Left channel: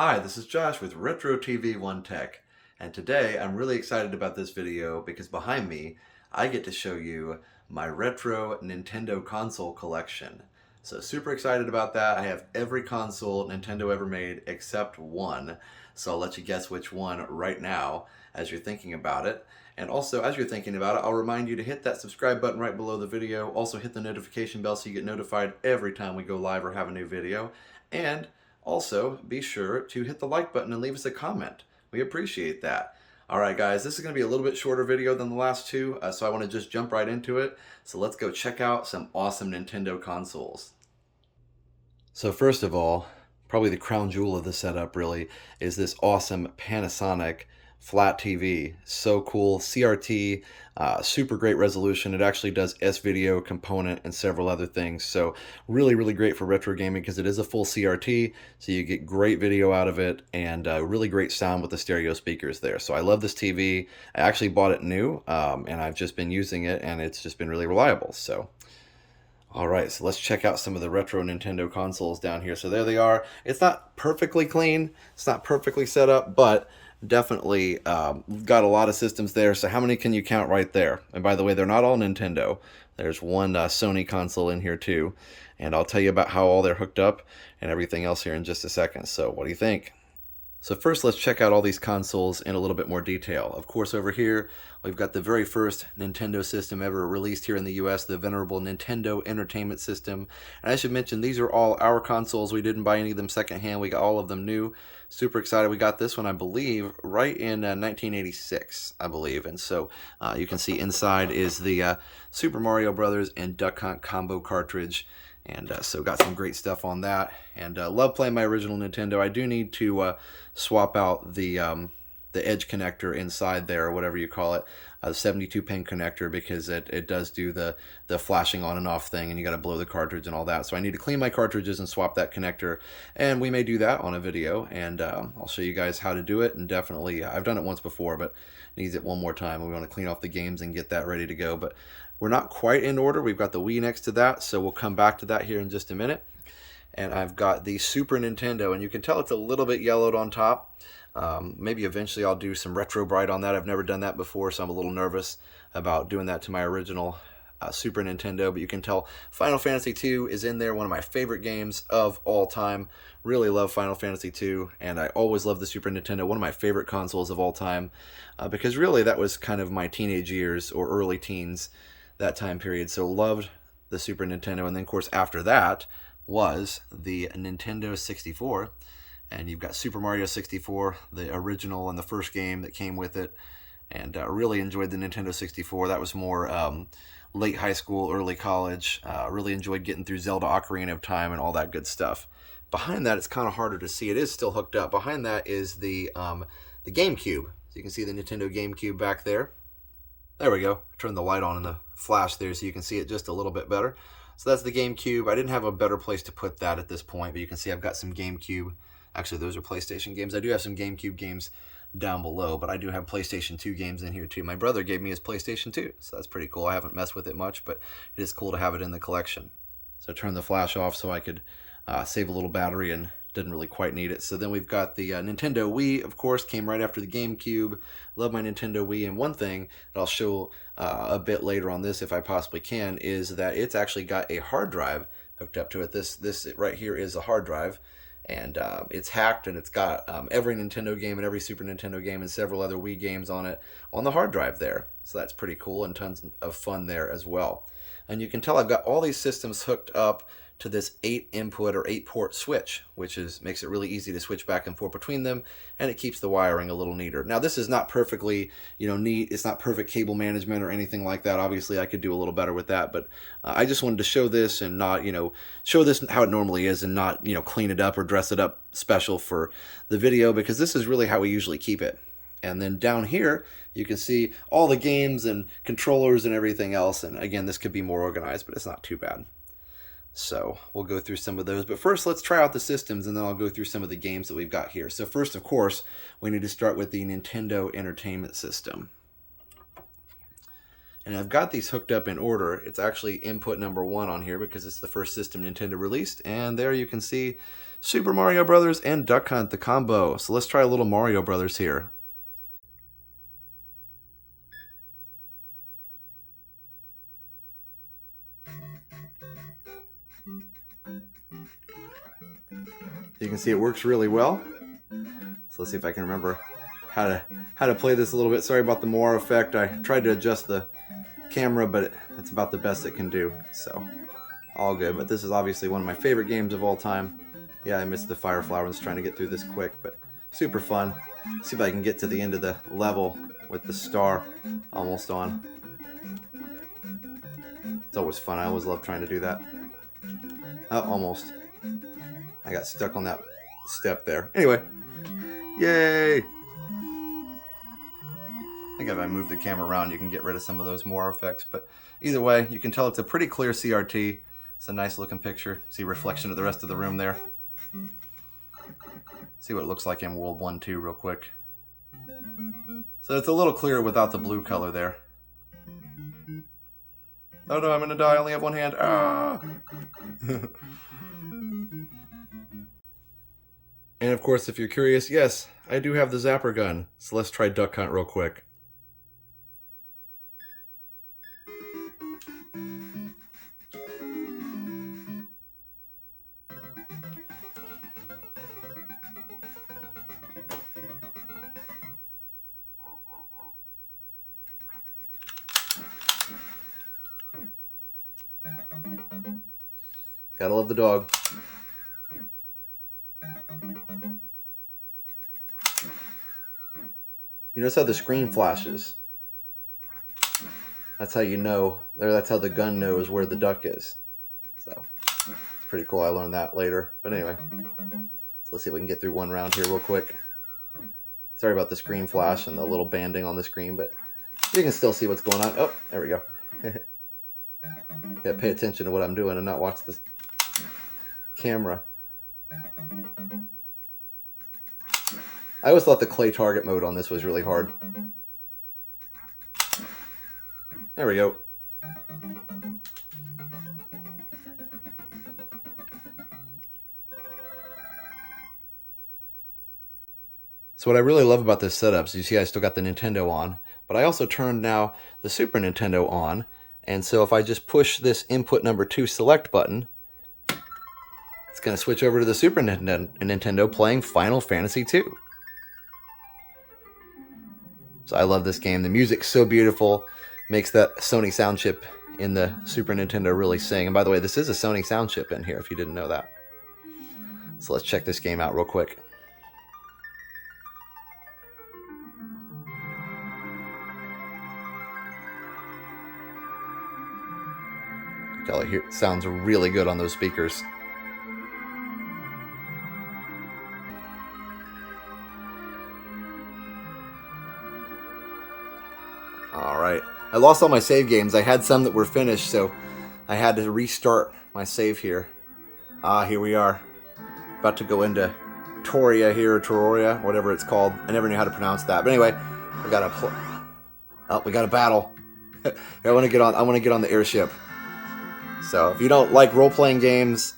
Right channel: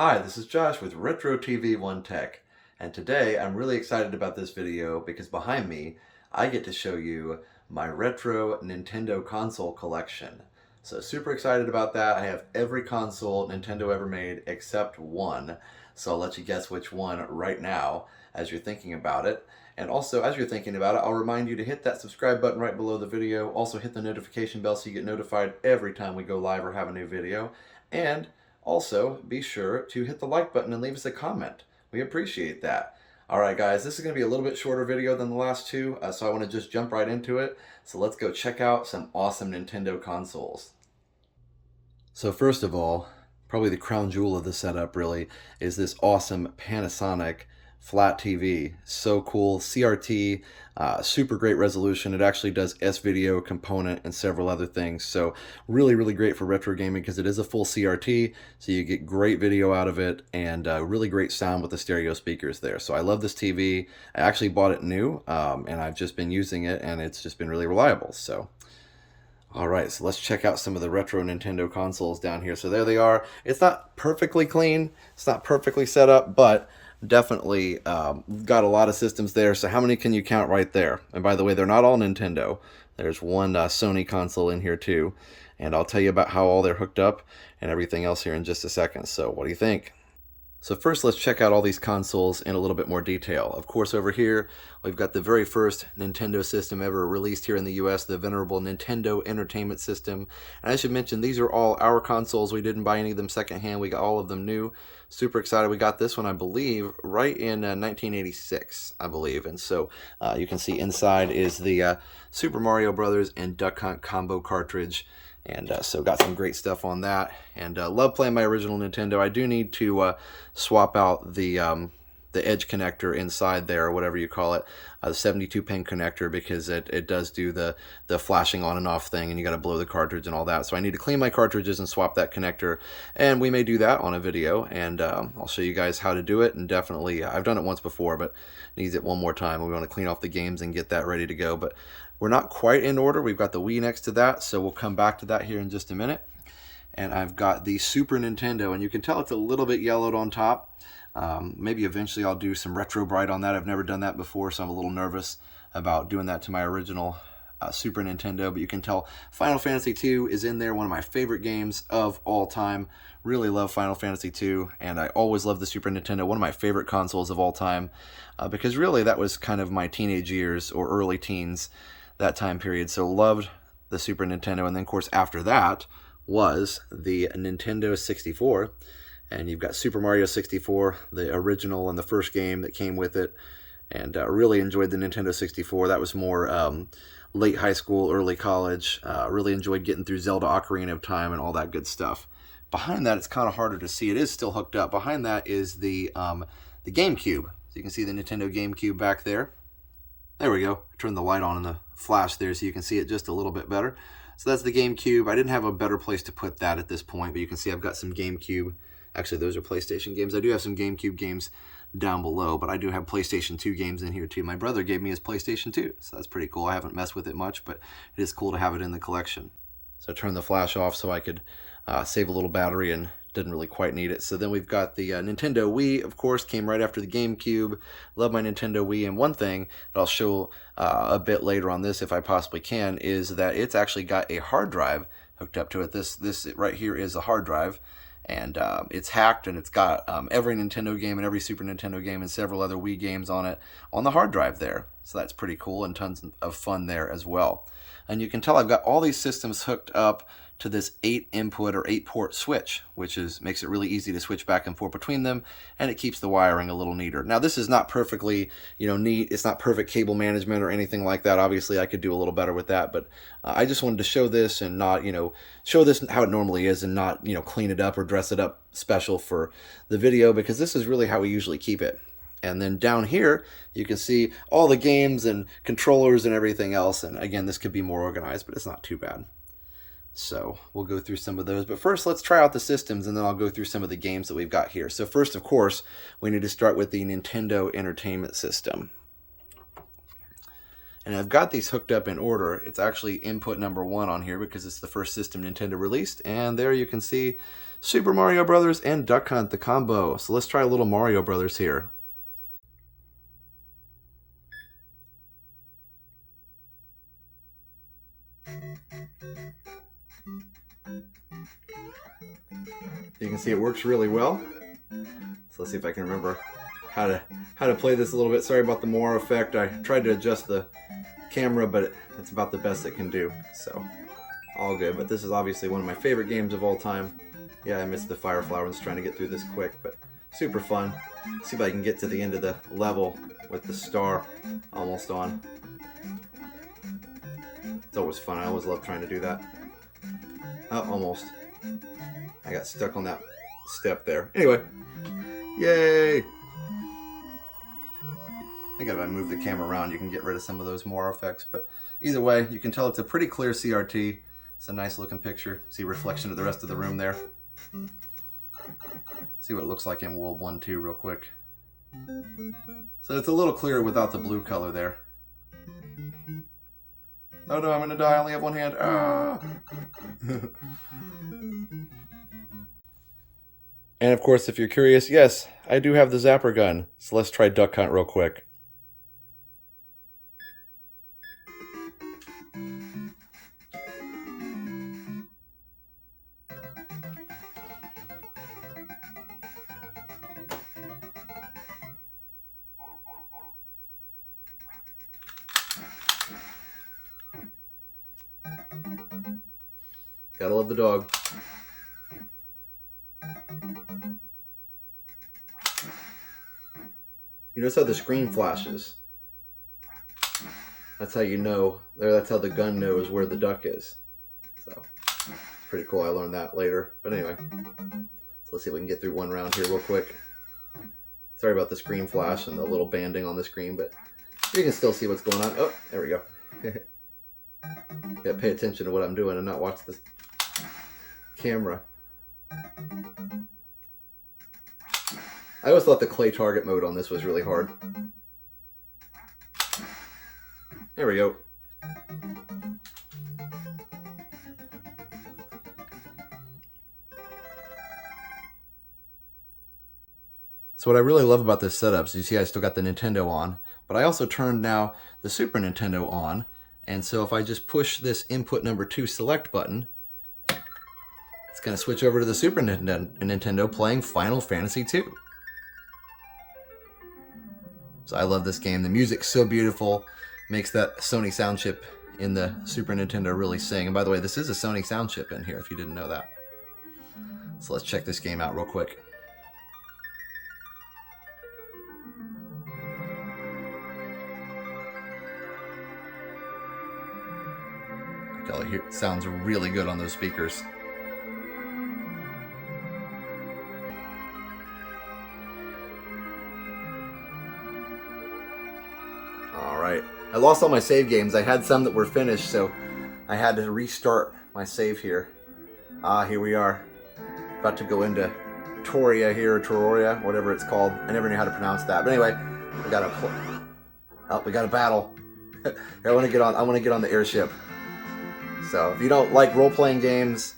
Hi, this is Josh with Retro TV One Tech, and today I'm really excited about this video because behind me I get to show you my retro Nintendo console collection. So super excited about that. I have every console Nintendo ever made except one, so I'll let you guess which one right now as you're thinking about it. And also, as you're thinking about it, I'll remind you to hit that subscribe button right below the video. Also hit the notification bell so you get notified every time we go live or have a new video. And also, be sure to hit the like button and leave us a comment. We appreciate that. Alright guys, this is going to be a little bit shorter video than the last two, so I want to just jump right into it. So let's go check out some awesome Nintendo consoles. So first of all, probably the crown jewel of the setup really is this awesome Panasonic flat TV. So cool, CRT, super great resolution. It actually does S-video component and several other things. So really great for retro gaming because it is a full CRT, so you get great video out of it and really great sound with the stereo speakers there. So I love this TV. I actually bought it new and I've just been using it and it's just been really reliable. So alright, so let's check out some of the retro Nintendo consoles down here. So there they are. It's not perfectly clean, it's not perfectly set up, but definitely got a lot of systems there. So how many can you count right there? And by the way, they're not all Nintendo. There's one Sony console in here too. And I'll tell you about how all they're hooked up and everything else here in just a second. So what do you think? So first, let's check out all these consoles in a little bit more detail. Of course, over here, we've got the very first Nintendo system ever released here in the US, the venerable Nintendo Entertainment System. And I should mention, these are all our consoles. We didn't buy any of them secondhand. We got all of them new. Super excited. We got this one, I believe, right in 1986, I believe. And so you can see inside is the Super Mario Brothers and Duck Hunt combo cartridge. And so got some great stuff on that, and love playing my original Nintendo. I do need to swap out the edge connector inside there, or whatever you call it, the 72-pin connector, because it does do the flashing on and off thing, and you got to blow the cartridge and all that. So I need to clean my cartridges and swap that connector, and we may do that on a video, and I'll show you guys how to do it. And definitely, I've done it once before, but needs it one more time. We want to clean off the games and get that ready to go. But we're not quite in order. We've got the Wii next to that, so we'll come back to that here in just a minute. And I've got the Super Nintendo, and you can tell it's a little bit yellowed on top. Maybe eventually I'll do some retro bright on that. I've never done that before, so I'm a little nervous about doing that to my original Super Nintendo. But you can tell Final Fantasy II is in there, one of my favorite games of all time. Really love Final Fantasy II, and I always loved the Super Nintendo, one of my favorite consoles of all time, because really that was kind of my teenage years or early teens, that time period. So loved the Super Nintendo. And then of course after that was the Nintendo 64, and you've got Super Mario 64, the original and the first game that came with it. And really enjoyed the Nintendo 64. That was more late high school, early college. Really enjoyed getting through Zelda Ocarina of Time and all that good stuff. Behind that, it's kind of harder to see. It is still hooked up. Behind that is the GameCube. So you can see the Nintendo GameCube back there. There we go. Turn the light on in the flash there so you can see it just a little bit better. So that's the GameCube. I didn't have a better place to put that at this point, but you can see I've got some GameCube. Actually, those are PlayStation games. I do have some GameCube games down below, but I do have PlayStation 2 games in here too. My brother gave me his PlayStation 2, so that's pretty cool. I haven't messed with it much, but it is cool to have it in the collection. So I turned the flash off so I could save a little battery, and didn't really quite need it. So then we've got the Nintendo Wii, of course, came right after the GameCube. Love my Nintendo Wii, and one thing that I'll show a bit later on this, if I possibly can, is that it's actually got a hard drive hooked up to it. This right here is a hard drive, and it's hacked, and it's got every Nintendo game and every Super Nintendo game and several other Wii games on it on the hard drive there. So that's pretty cool, and tons of fun there as well. And you can tell I've got all these systems hooked up to this 8-input or 8-port switch, which makes it really easy to switch back and forth between them, and it keeps the wiring a little neater. Now, this is not perfectly, neat. It's not perfect cable management or anything like that. Obviously, I could do a little better with that, but I just wanted to show this and not, show this how it normally is, and not, clean it up or dress it up special for the video, because this is really how we usually keep it. And then down here, you can see all the games and controllers and everything else. And again, this could be more organized, but it's not too bad. So we'll go through some of those. But first, let's try out the systems, and then I'll go through some of the games that we've got here. So first, of course, we need to start with the Nintendo Entertainment System. And I've got these hooked up in order. It's actually input number 1 on here because it's the first system Nintendo released. And there you can see Super Mario Brothers and Duck Hunt, the combo. So let's try a little Mario Brothers here. You can see it works really well. So let's see if I can remember how to play this a little bit. Sorry about the Moore effect. I tried to adjust the camera, but it's about the best it can do. So all good. But this is obviously one of my favorite games of all time. Yeah, I missed the fire flower. I was trying to get through this quick, but super fun. See if I can get to the end of the level with the star almost on. It's always fun. I always love trying to do that. Oh, almost. I got stuck on that step there. Anyway, yay! I think if I move the camera around, you can get rid of some of those Moore effects. But either way, you can tell it's a pretty clear CRT. It's a nice looking picture. See a reflection of the rest of the room there. See what it looks like in World 1, 2 real quick. So it's a little clearer without the blue color there. Oh no, I'm gonna die. I only have one hand. Ah! And of course, if you're curious, yes, I do have the zapper gun. So let's try Duck Hunt real quick. Gotta love the dog. You notice how the screen flashes? That's how you know, or that's how the gun knows where the duck is. So, it's pretty cool. I learned that later. But anyway, so let's see if we can get through one round here real quick. Sorry about the screen flash and the little banding on the screen, but you can still see what's going on. Oh, there we go. Gotta pay attention to what I'm doing and not watch this camera. I always thought the clay target mode on this was really hard. There we go. So what I really love about this setup is you see I still got the Nintendo on, but I also turned now the Super Nintendo on. And so if I just push this input number 2 select button, it's going to switch over to the Super Nintendo playing Final Fantasy II. So I love this game. The music's so beautiful. Makes that Sony sound chip in the Super Nintendo really sing. And by the way, this is a Sony sound chip in here if you didn't know that. So let's check this game out real quick. It sounds really good on those speakers. Alright, I lost all my save games. I had some that were finished, so I had to restart my save here. Here we are. About to go into Toria here, or Tororia, whatever it's called. I never knew how to pronounce that. But anyway, we got a battle. I want to get on the airship. So if you don't like role-playing games,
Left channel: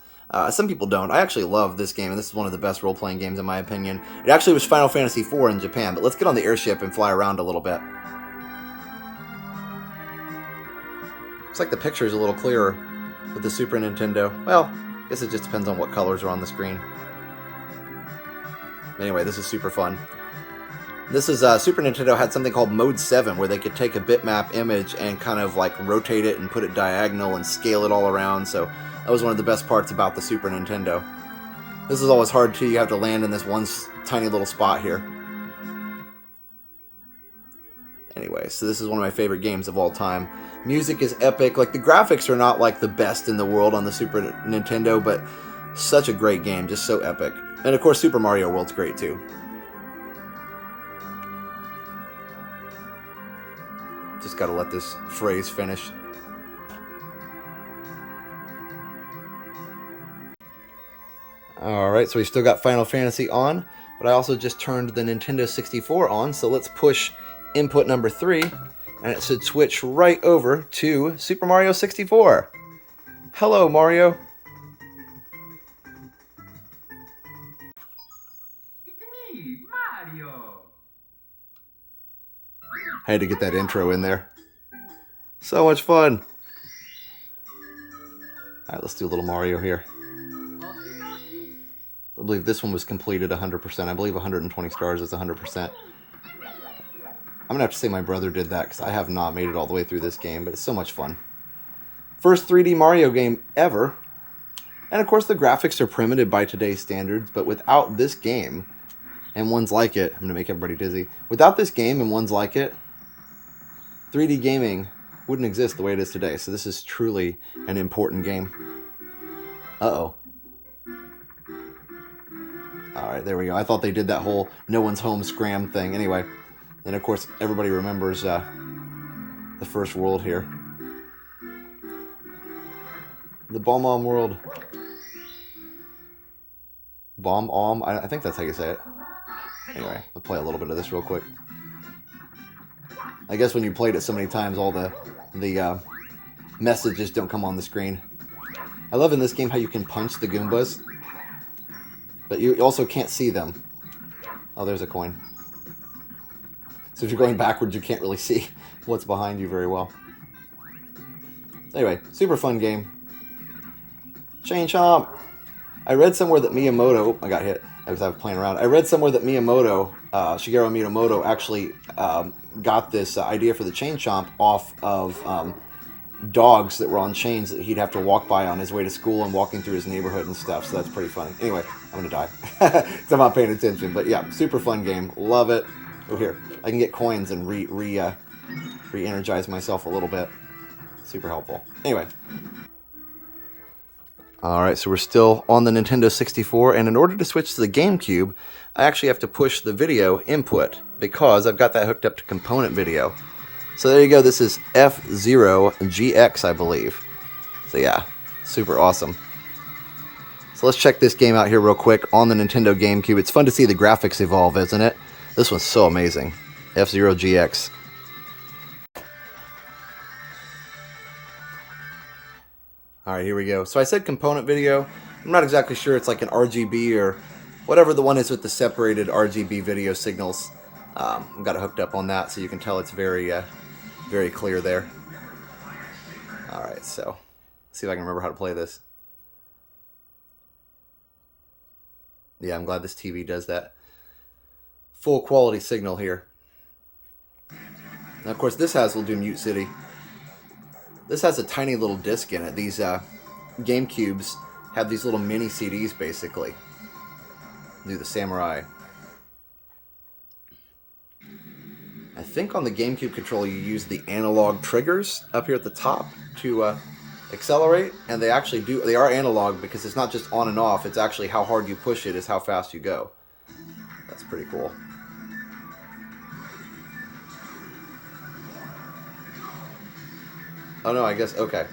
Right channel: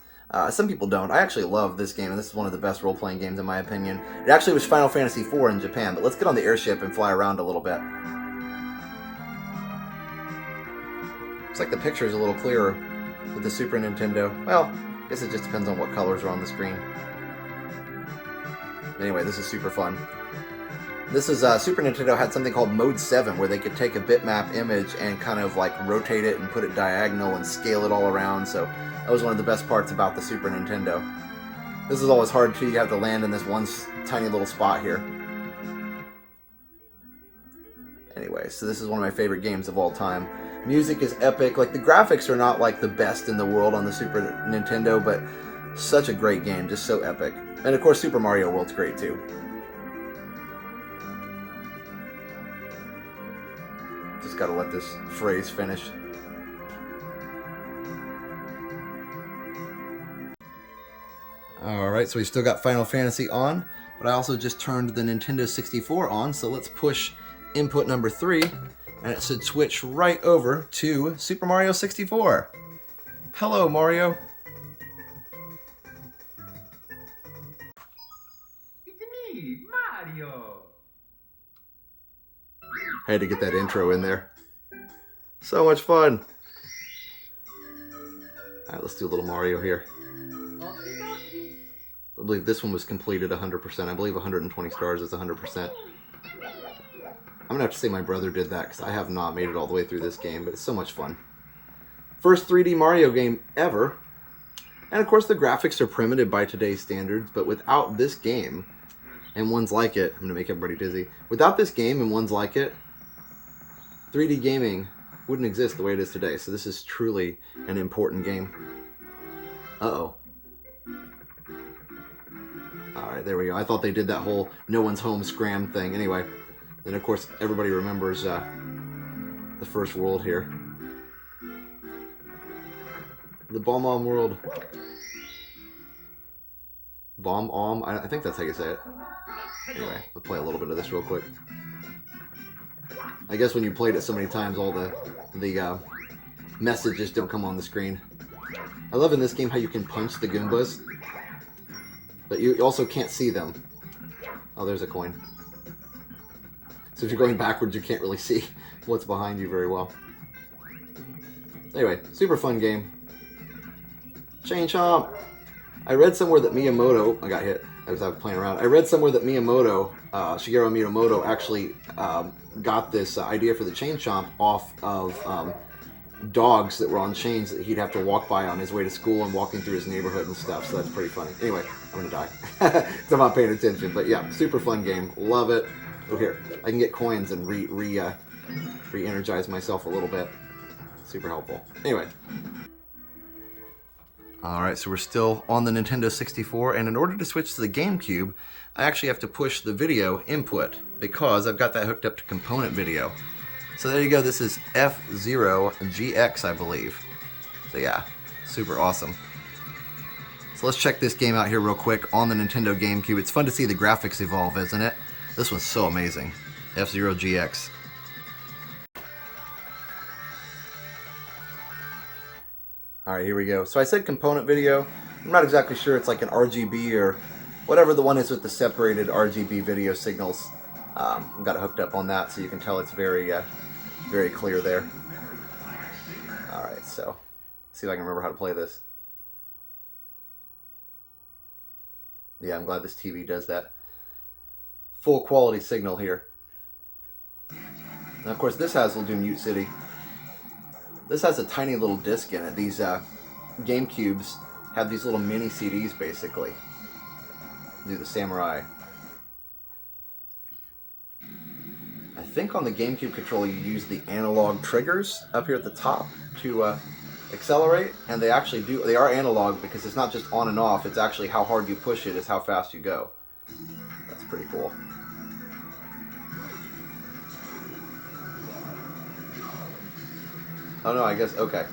some people don't. I actually love this game, and this is one of the best role-playing games in my opinion. It actually was Final Fantasy IV in Japan, but let's get on the airship and fly around a little bit. Looks like the picture is a little clearer with the Super Nintendo. Well, I guess it just depends on what colors are on the screen. Anyway, this is super fun. This is Super Nintendo had something called Mode 7 where they could take a bitmap image and kind of like rotate it and put it diagonal and scale it all around. So that was one of the best parts about the Super Nintendo. This is always hard too. You have to land in this one tiny little spot here. Anyway, so this is one of my favorite games of all time. Music is epic. Like the graphics are not like the best in the world on the Super Nintendo, but such a great game, just so epic. And of course Super Mario World's great too. Just gotta let this phrase finish. Alright, so we still got Final Fantasy on, but I also just turned the Nintendo 64 on, so let's push input number 3 and it should switch right over to Super Mario 64. Hello, Mario. It's me, Mario. I had to get that intro in there. So much fun. All right, let's do a little Mario here. I believe this one was completed 100%. I believe 120 stars is 100%. I'm gonna have to say my brother did that because I have not made it all the way through this game, but it's so much fun. First 3D Mario game ever. And of course the graphics are primitive by today's standards, but without this game and ones like it, I'm gonna make everybody dizzy. Without this game and ones like it, 3D gaming wouldn't exist the way it is today. So this is truly an important game. Uh-oh. Alright, there we go. I thought they did that whole no one's home scram thing. Anyway. And of course, everybody remembers the first world here. The Bomb-Omb world. Bomb-Omb? I think that's how you say it. Anyway, I'll play a little bit of this real quick. I guess when you played it so many times, all the messages don't come on the screen. I love in this game how you can punch the Goombas, but you also can't see them. Oh, there's a coin. So if you're going backwards, you can't really see what's behind you very well. Anyway, super fun game. Chain Chomp! I read somewhere that Miyamoto... I got hit as I was playing around. I read somewhere that Miyamoto, Shigeru Miyamoto, actually got this idea for the Chain Chomp off of dogs that were on chains that he'd have to walk by on his way to school and walking through his neighborhood and stuff. So that's pretty funny. Anyway, I'm gonna die. Because I'm not paying attention. But yeah, super fun game. Love it. Oh, here. I can get coins and re-energize myself a little bit. Super helpful. Anyway. Alright, so we're still on the Nintendo 64, and in order to switch to the GameCube, I actually have to push the video input, because I've got that hooked up to component video. So there you go, this is F-Zero GX, I believe. So yeah, super awesome. So let's check this game out here real quick on the Nintendo GameCube. It's fun to see the graphics evolve, isn't it? This one's so amazing. F-Zero GX. Alright, here we go. So I said component video. I'm not exactly sure it's like an RGB or whatever the one is with the separated RGB video signals. I've got it hooked up on that so you can tell it's very, very clear there. Alright, so let's see if I can remember how to play this. Yeah, I'm glad this TV does that. Full quality signal here. And of course this will do Mute City. This has a tiny little disc in it. These GameCubes have these little mini CDs basically. Do the Samurai. I think on the GameCube controller you use the analog triggers up here at the top to accelerate, and they actually do. They are analog because it's not just on and off. It's actually how hard you push it is how fast you go. That's pretty cool. Oh no, I guess, okay.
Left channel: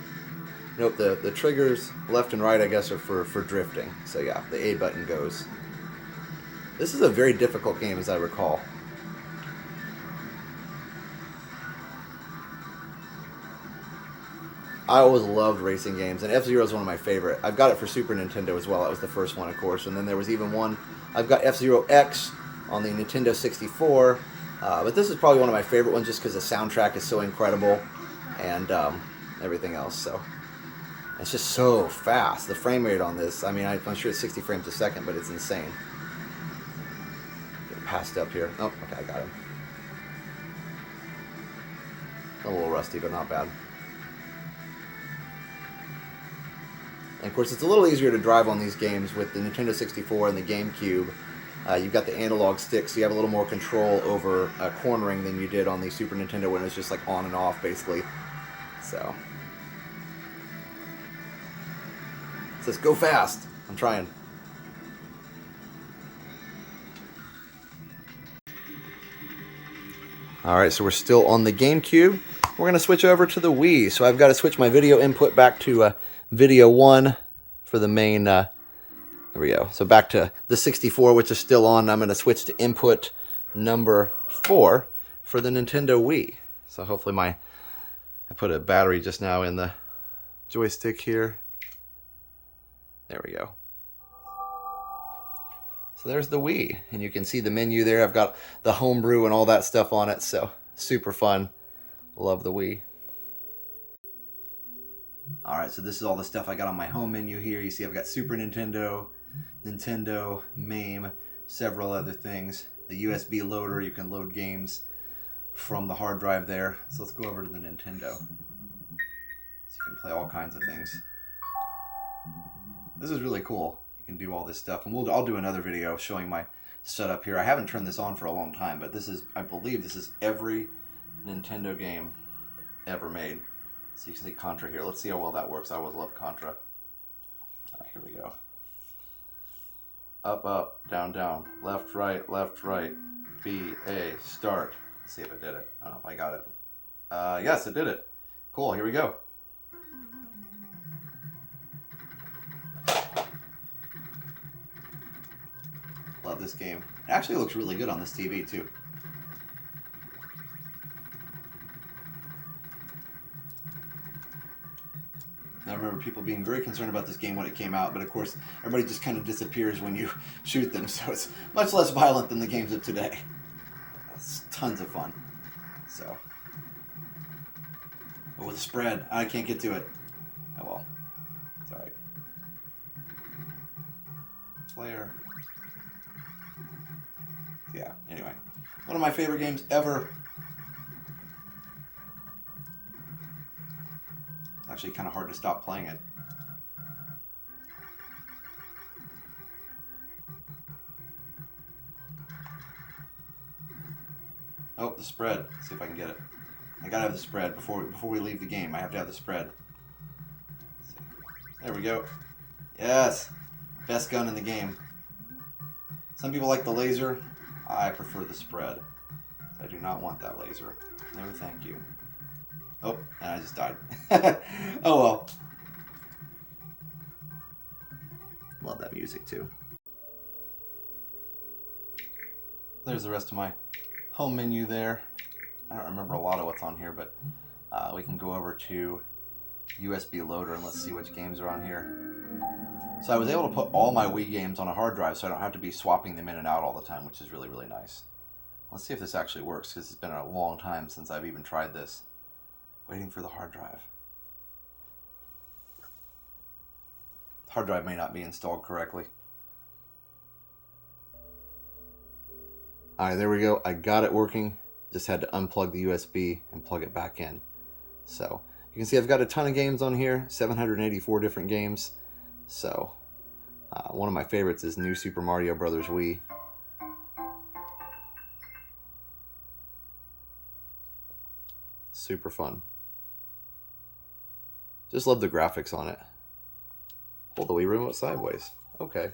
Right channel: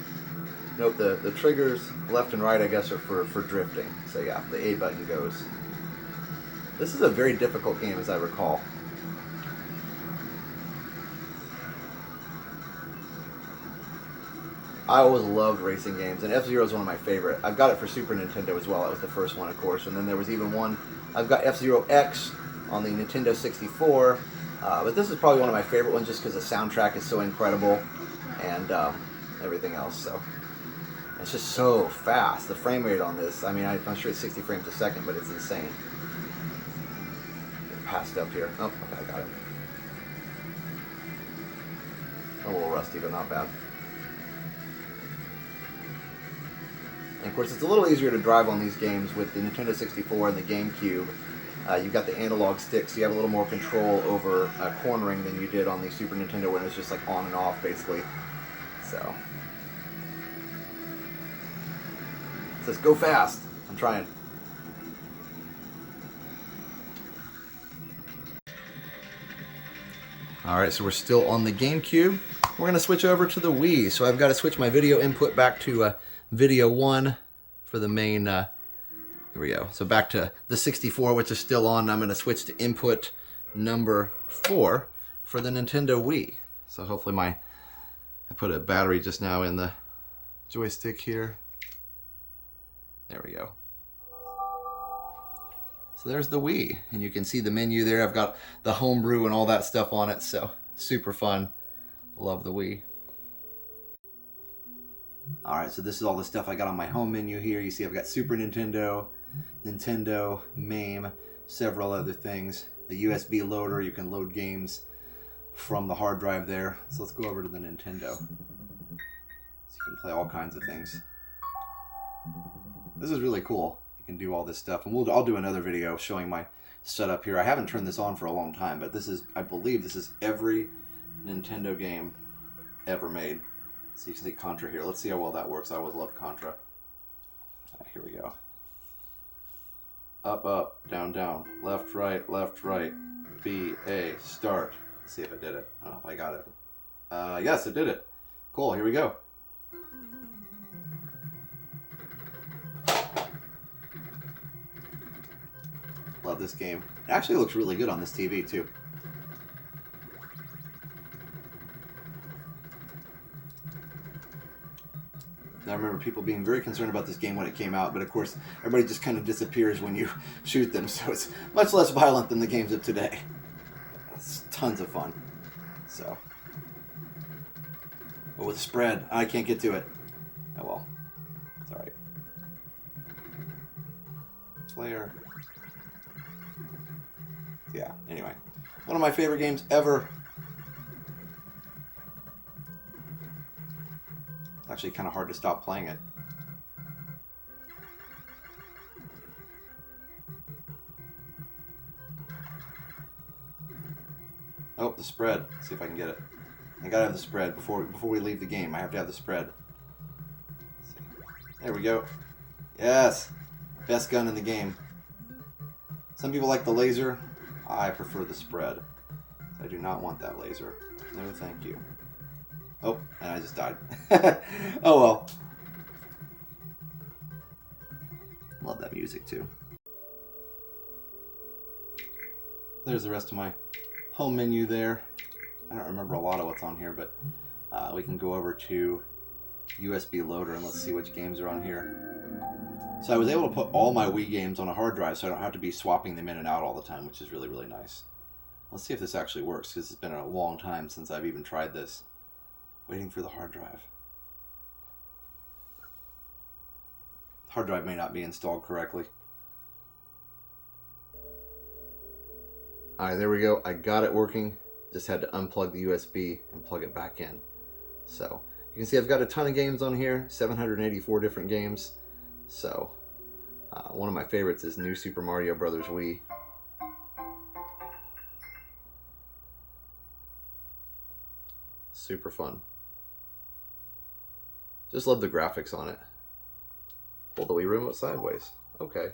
Nope, the triggers left and right I guess are for drifting. So yeah, the A button goes. This is a very difficult game as I recall. I always loved racing games, and F-Zero is one of my favorite. I've got it for Super Nintendo as well. That was the first one, of course. And then there was even one, I've got F-Zero X on the Nintendo 64. But this is probably one of my favorite ones just because the soundtrack is so incredible and everything else. So it's just so fast. The frame rate on this, I mean, I'm sure it's 60 frames a second, but it's insane. Passed up here. Oh, okay, I got it. A little rusty, but not bad. And of course, it's a little easier to drive on these games with the Nintendo 64 and the GameCube. You've got the analog stick, so you have a little more control over cornering than you did on the Super Nintendo when it's just like on and off, basically. So, it says go fast. I'm trying. Alright, so we're still on the GameCube. We're going to switch over to the Wii. So I've got to switch my video input back to video 1 for the main... there we go. So back to the 64, which is still on. I'm going to switch to input number 4 for the Nintendo Wii. So hopefully I put a battery just now in the joystick here. There we go. So there's the Wii, and you can see the menu there. I've got the homebrew and all that stuff on it, so super fun. Love the Wii. Alright, so this is all the stuff I got on my home menu here. You see I've got Super Nintendo, Nintendo, MAME, several other things. The USB loader, you can load games from the hard drive there. So let's go over to the Nintendo. So you can play all kinds of things. This is really cool. You can do all this stuff, and I'll do another video showing my setup here. I haven't turned this on for a long time, but this is, I believe this is every Nintendo game ever made. So you can see Contra here. Let's see how well that works. I always love Contra. Here we go. Up, up, down, down, left, right, B, A, start. Let's see if it did it. I don't know if I got it. Yes, it did it. Cool, here we go. Love this game. It actually looks really good on this TV too. I remember people being very concerned about this game when it came out, but of course everybody just kind of disappears when you shoot them, so it's much less violent than the games of today. It's tons of fun. So, but with a spread, I can't get to it. Oh well, it's all right. Player. Yeah. Anyway, one of my favorite games ever. Actually kind of hard to stop playing it. Oh, the spread. Let's see if I can get it. I gotta have the spread before we leave the game. I have to have the spread. There we go. Yes, best gun in the game. Some people like the laser. I prefer the spread. I do not want that laser. No, thank you. Oh, and I just died. Oh well. Love that music too. There's the rest of my home menu there. I don't remember a lot of what's on here, but we can go over to USB loader and let's see which games are on here. So I was able to put all my Wii games on a hard drive, so I don't have to be swapping them in and out all the time, which is really, really nice. Let's see if this actually works, because it's been a long time since I've even tried this. Waiting for the hard drive. Hard drive may not be installed correctly. Alright, there we go. I got it working. Just had to unplug the USB and plug it back in. So, you can see I've got a ton of games on here. 784 different games. So, one of my favorites is New Super Mario Bros. Wii. Super fun. Just love the graphics on it. Pull the Wii remote sideways. Okay.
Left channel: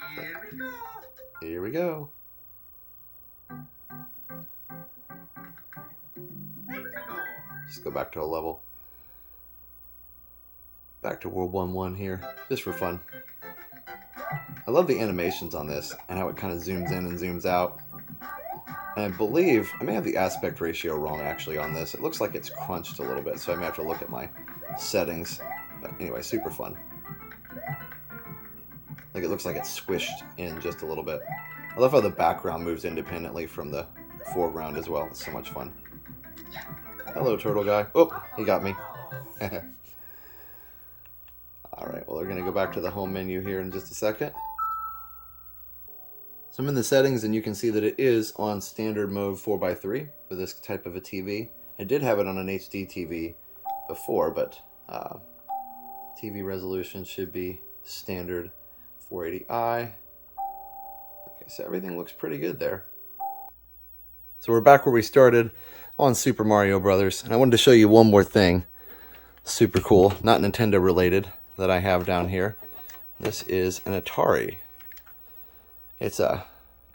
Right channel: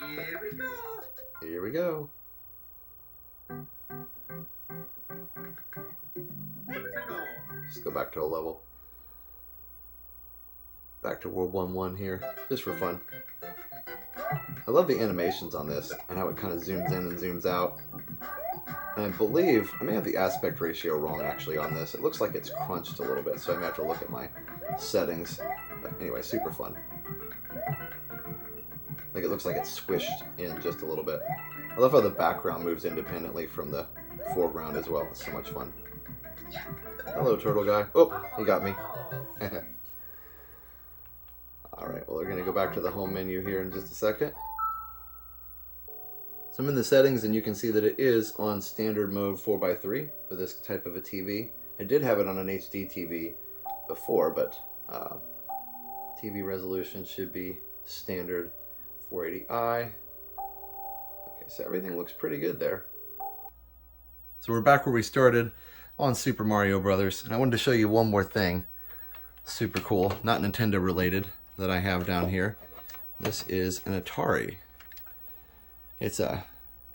Here we go. Here we go. Let's go. Just go back to a level. Back to World 1-1 here, just for fun. I love the animations on this and how it kind of zooms in and zooms out. And I believe, I may have the aspect ratio wrong actually on this. It looks like it's crunched a little bit, so I may have to look at my settings. But anyway, super fun. Like it looks like it's squished in just a little bit. I love how the background moves independently from the foreground as well. It's so much fun. Hello, turtle guy. Oh, he got me. Alright, well, we're going to go back to the home menu here in just a second. So I'm in the settings, and you can see that it is on standard mode 4x3 for this type of a TV. I did have it on an HD TV before, but TV resolution should be standard 480i. Okay, so everything looks pretty good there. So we're back where we started on Super Mario Brothers, and I wanted to show you one more thing. Super cool, not Nintendo related, that I have down here. This is an Atari. It's a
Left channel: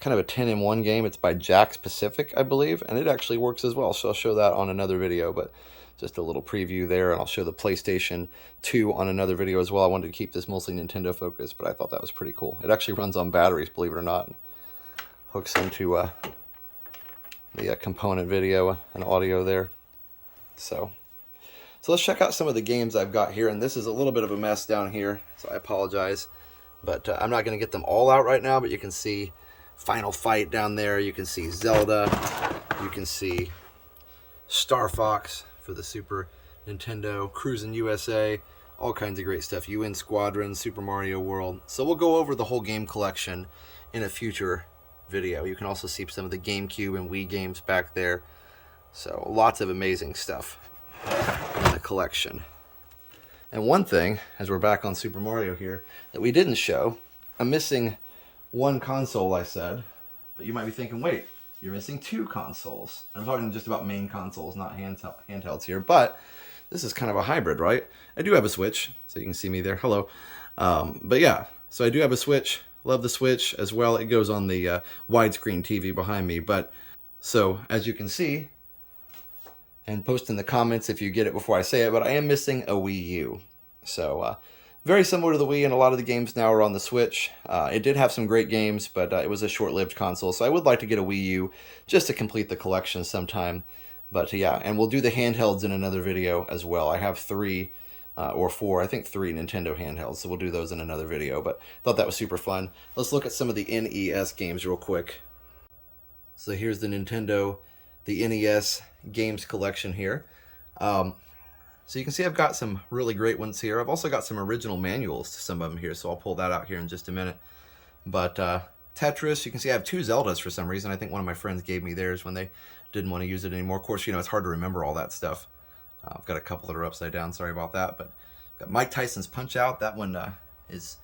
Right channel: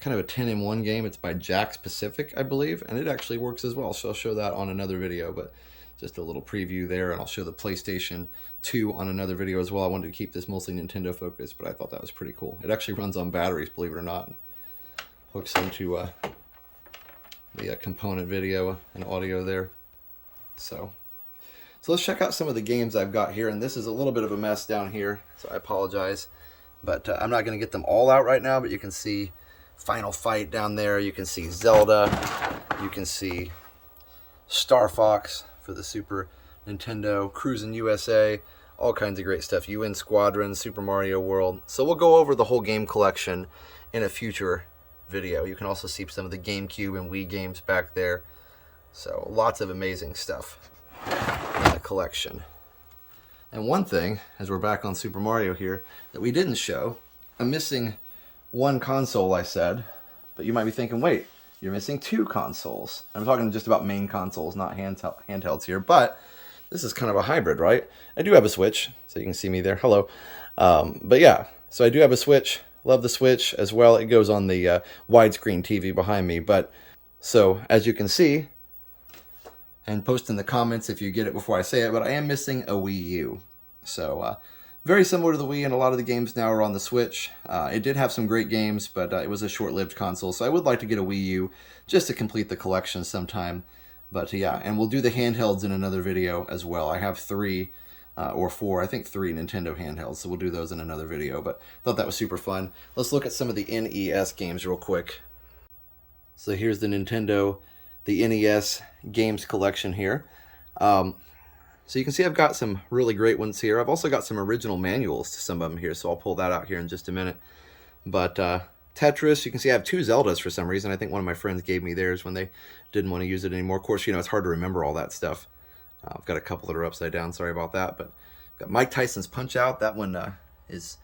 kind of a 10-in-1 game. It's by Jack's Pacific, I believe, and it actually works as well, so I'll show that on another video. But just a little preview there, and I'll show the PlayStation 2 on another video as well. I wanted to keep this mostly Nintendo focused, but I thought that was pretty cool. It actually runs on batteries, believe it or not. Hooks into the component video and audio there. So let's check out some of the games I've got here, and this is a little bit of a mess down here, so I apologize. But I'm not going to get them all out right now, but you can see Final Fight down there. You can see Zelda. You can see Star Fox for the Super Nintendo, Cruisin' USA, all kinds of great stuff. UN Squadron, Super Mario World. So we'll go over the whole game collection in a future video. You can also see some of the GameCube and Wii games back there. So lots of amazing stuff in the collection. And one thing, as we're back on Super Mario here, that we didn't show, I'm missing one console, I said, but you might be thinking, wait, you're missing two consoles. I'm talking just about main consoles, not handhelds here, but this is kind of a hybrid, right? I do have a Switch, so you can see me there. Hello. But yeah, so I do have a Switch. Love the Switch as well. It goes on the widescreen TV behind me. But so as you can see, and post in the comments if you get it before I say it, but I am missing a Wii U. So very similar to the Wii, and a lot of the games now are on the Switch. It did have some great games, but it was a short-lived console, so I would like to get a Wii U just to complete the collection sometime. But yeah, and we'll do the handhelds in another video as well. I have three or four, I think three Nintendo handhelds, so we'll do those in another video, but thought that was super fun. Let's look at some of the NES games real quick. So here's the Nintendo, the NES games collection here. So you can see I've got some really great ones here. I've also got some original manuals to some of them here, so I'll pull that out here in just a minute. But Tetris, you can see I have two Zeldas for some reason. I think one of my friends gave me theirs when they didn't want to use it anymore. Of course, you know, it's hard to remember all that stuff. I've got a couple that are upside down, sorry about that. But got Mike Tyson's Punch-Out. That one is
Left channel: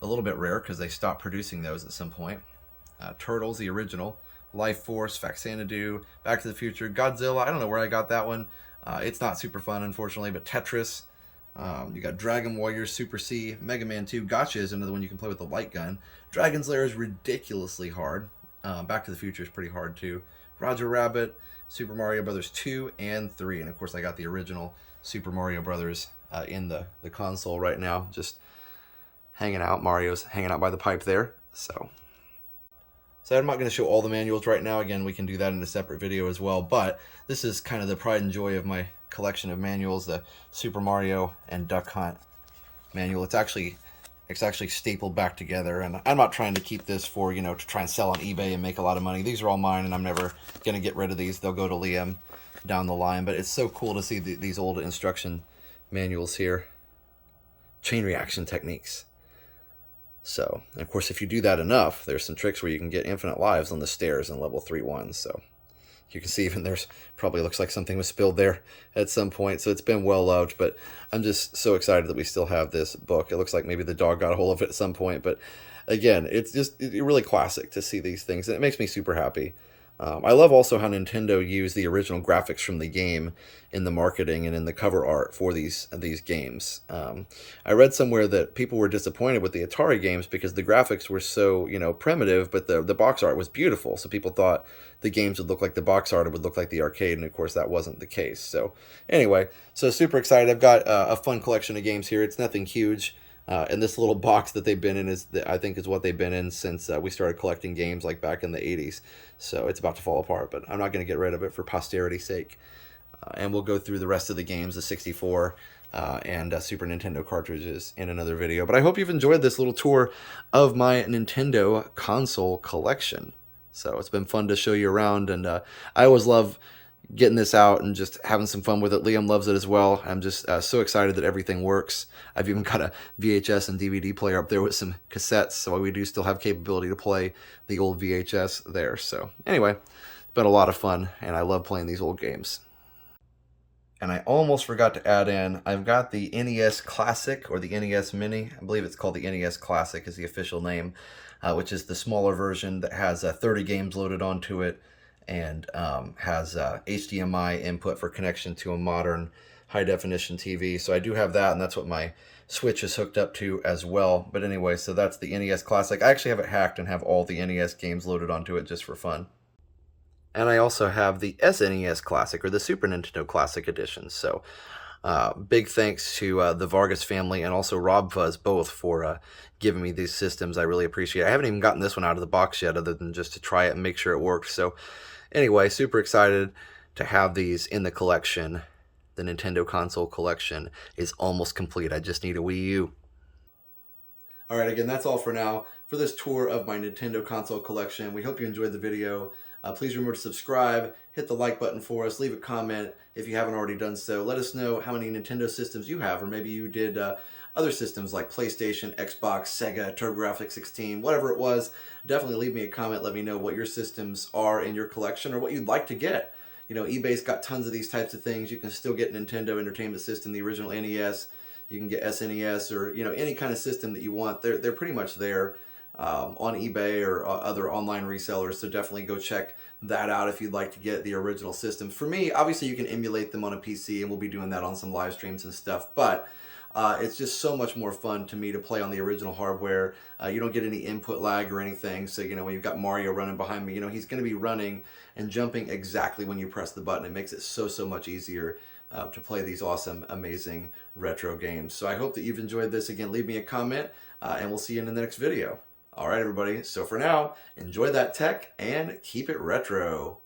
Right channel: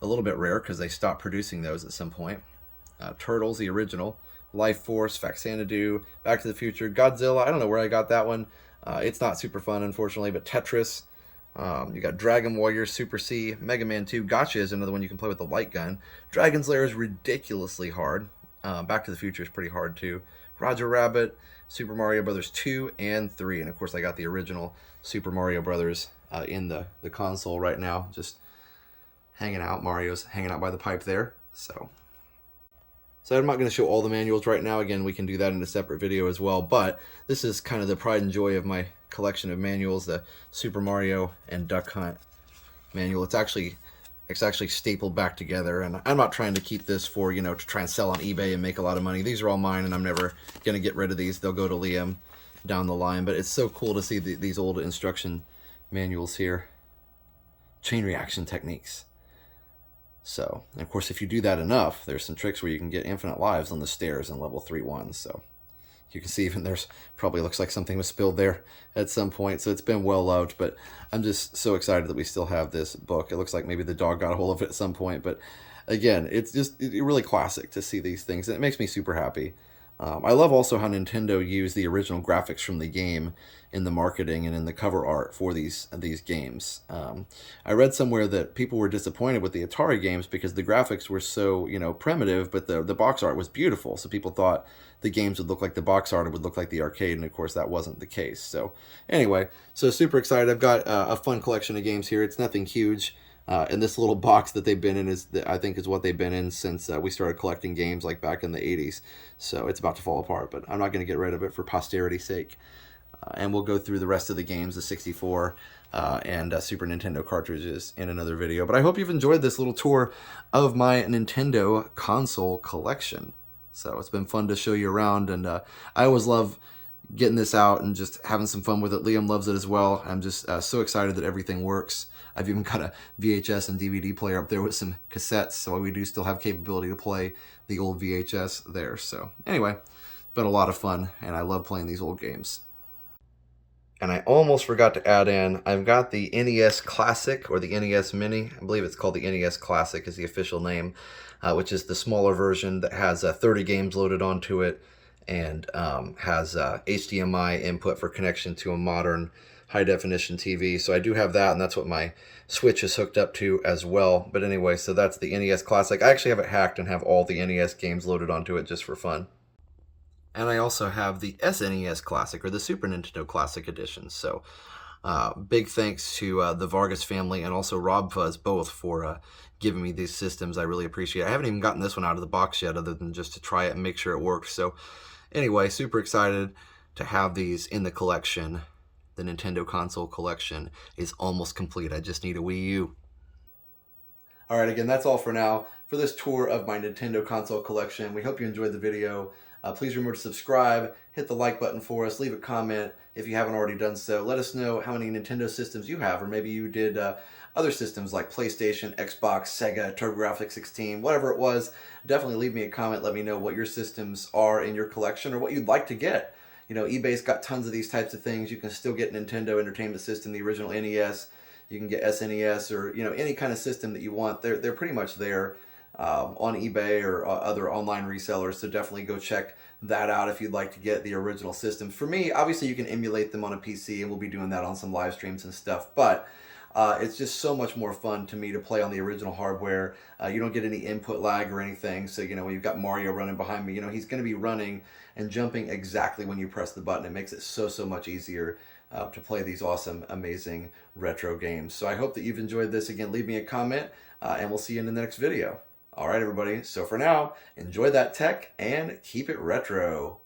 a little bit rare because they stopped producing those at some point. Turtles, the original. Life Force, Faxanadu, Back to the Future, Godzilla. I don't know where I got that one. It's not super fun, unfortunately, but Tetris. You got Dragon Warrior, Super C, Mega Man 2. Gotcha is another one you can play with the light gun. Dragon's Lair is ridiculously hard. Back to the Future is pretty hard, too. Roger Rabbit, Super Mario Brothers 2 and 3. And, of course, I got the original Super Mario Brothers in the console right now. Just hanging out. Mario's hanging out by the pipe there. So I'm not going to show all the manuals right now. Again, we can do that in a separate video as well. But this is kind of the pride and joy of my collection of manuals, the Super Mario and Duck Hunt manual. It's actually stapled back together, and I'm not trying to keep this for, you know, to try and sell on eBay and make a lot of money. These are all mine, and I'm never going to get rid of these. They'll go to Liam down the line, but it's so cool to see these old instruction manuals here. Chain reaction techniques. So, and of course, if you do that enough, there's some tricks where you can get infinite lives on the stairs in level 3-1. So you can see even there's probably looks like something was spilled there at some point. So it's been well loved, but I'm just so excited that we still have this book. It looks like maybe the dog got a hold of it at some point, but again, it's just really classic to see these things, and it makes me super happy. I love also how Nintendo used the original graphics from the game in the marketing and in the cover art for these games. I read somewhere that people were disappointed with the Atari games because the graphics were so, you know, primitive, but the box art was beautiful. So people thought the games would look like the box art, it would look like the arcade, and of course that wasn't the case. So anyway, so super excited. I've got a fun collection of games here. It's nothing huge. And this little box that they've been in I think is what they've been in since we started collecting games like back in the 80s. So it's about to fall apart, but I'm not going to get rid of it for posterity's sake. And we'll go through the rest of the games, the 64 and Super Nintendo cartridges in another video. But I hope you've enjoyed this little tour of my Nintendo console collection. So it's been fun to show you around, and I always love getting this out and just having some fun with it. Liam loves it as well. I'm just so excited that everything works. I've even got a VHS and DVD player up there with some cassettes, so we do still have capability to play the old VHS there. So anyway, it's been a lot of fun, and I love playing these old games. And I almost forgot to add in, I've got the NES Classic, or the NES Mini. I believe it's called the NES Classic is the official name, which is the smaller version that has 30 games loaded onto it, and has HDMI input for connection to a modern high-definition TV. So I do have that, and that's what my Switch is hooked up to as well. But anyway, so that's the NES Classic. I actually have it hacked and have all the NES games loaded onto it just for fun. And I also have the SNES Classic, or the Super Nintendo Classic Edition. So big thanks to the Vargas family and also Rob Fuzz both for giving me these systems. I really appreciate it. I haven't even gotten this one out of the box yet other than just to try it and make sure it works. So anyway, super excited to have these in the collection. The Nintendo console collection is almost complete. I just need a Wii U. All right, again, that's all for now for this tour of my Nintendo console collection. We hope you enjoyed the video. Please remember to subscribe, hit the like button for us, leave a comment if you haven't already done so. Let us know how many Nintendo systems you have, or maybe you did other systems like PlayStation, Xbox, Sega, TurboGrafx-16, whatever it was. Definitely leave me a comment. Let me know what your systems are in your collection or what you'd like to get. You know, eBay's got tons of these types of things. You can still get Nintendo Entertainment System, the original NES. You can get SNES or any kind of system that you want. They're pretty much there on eBay or other online resellers. So definitely go check that out if you'd like to get the original system. For me, obviously you can emulate them on a PC, and we'll be doing that on some live streams and stuff. But it's just so much more fun to me to play on the original hardware. You don't get any input lag or anything. So, when you've got Mario running behind me, he's going to be running and jumping exactly when you press the button. It makes it so much easier to play these awesome, amazing retro games. So I hope that you've enjoyed this. Again, leave me a comment, and we'll see you in the next video. All right, everybody. So for now, enjoy that tech and keep it retro.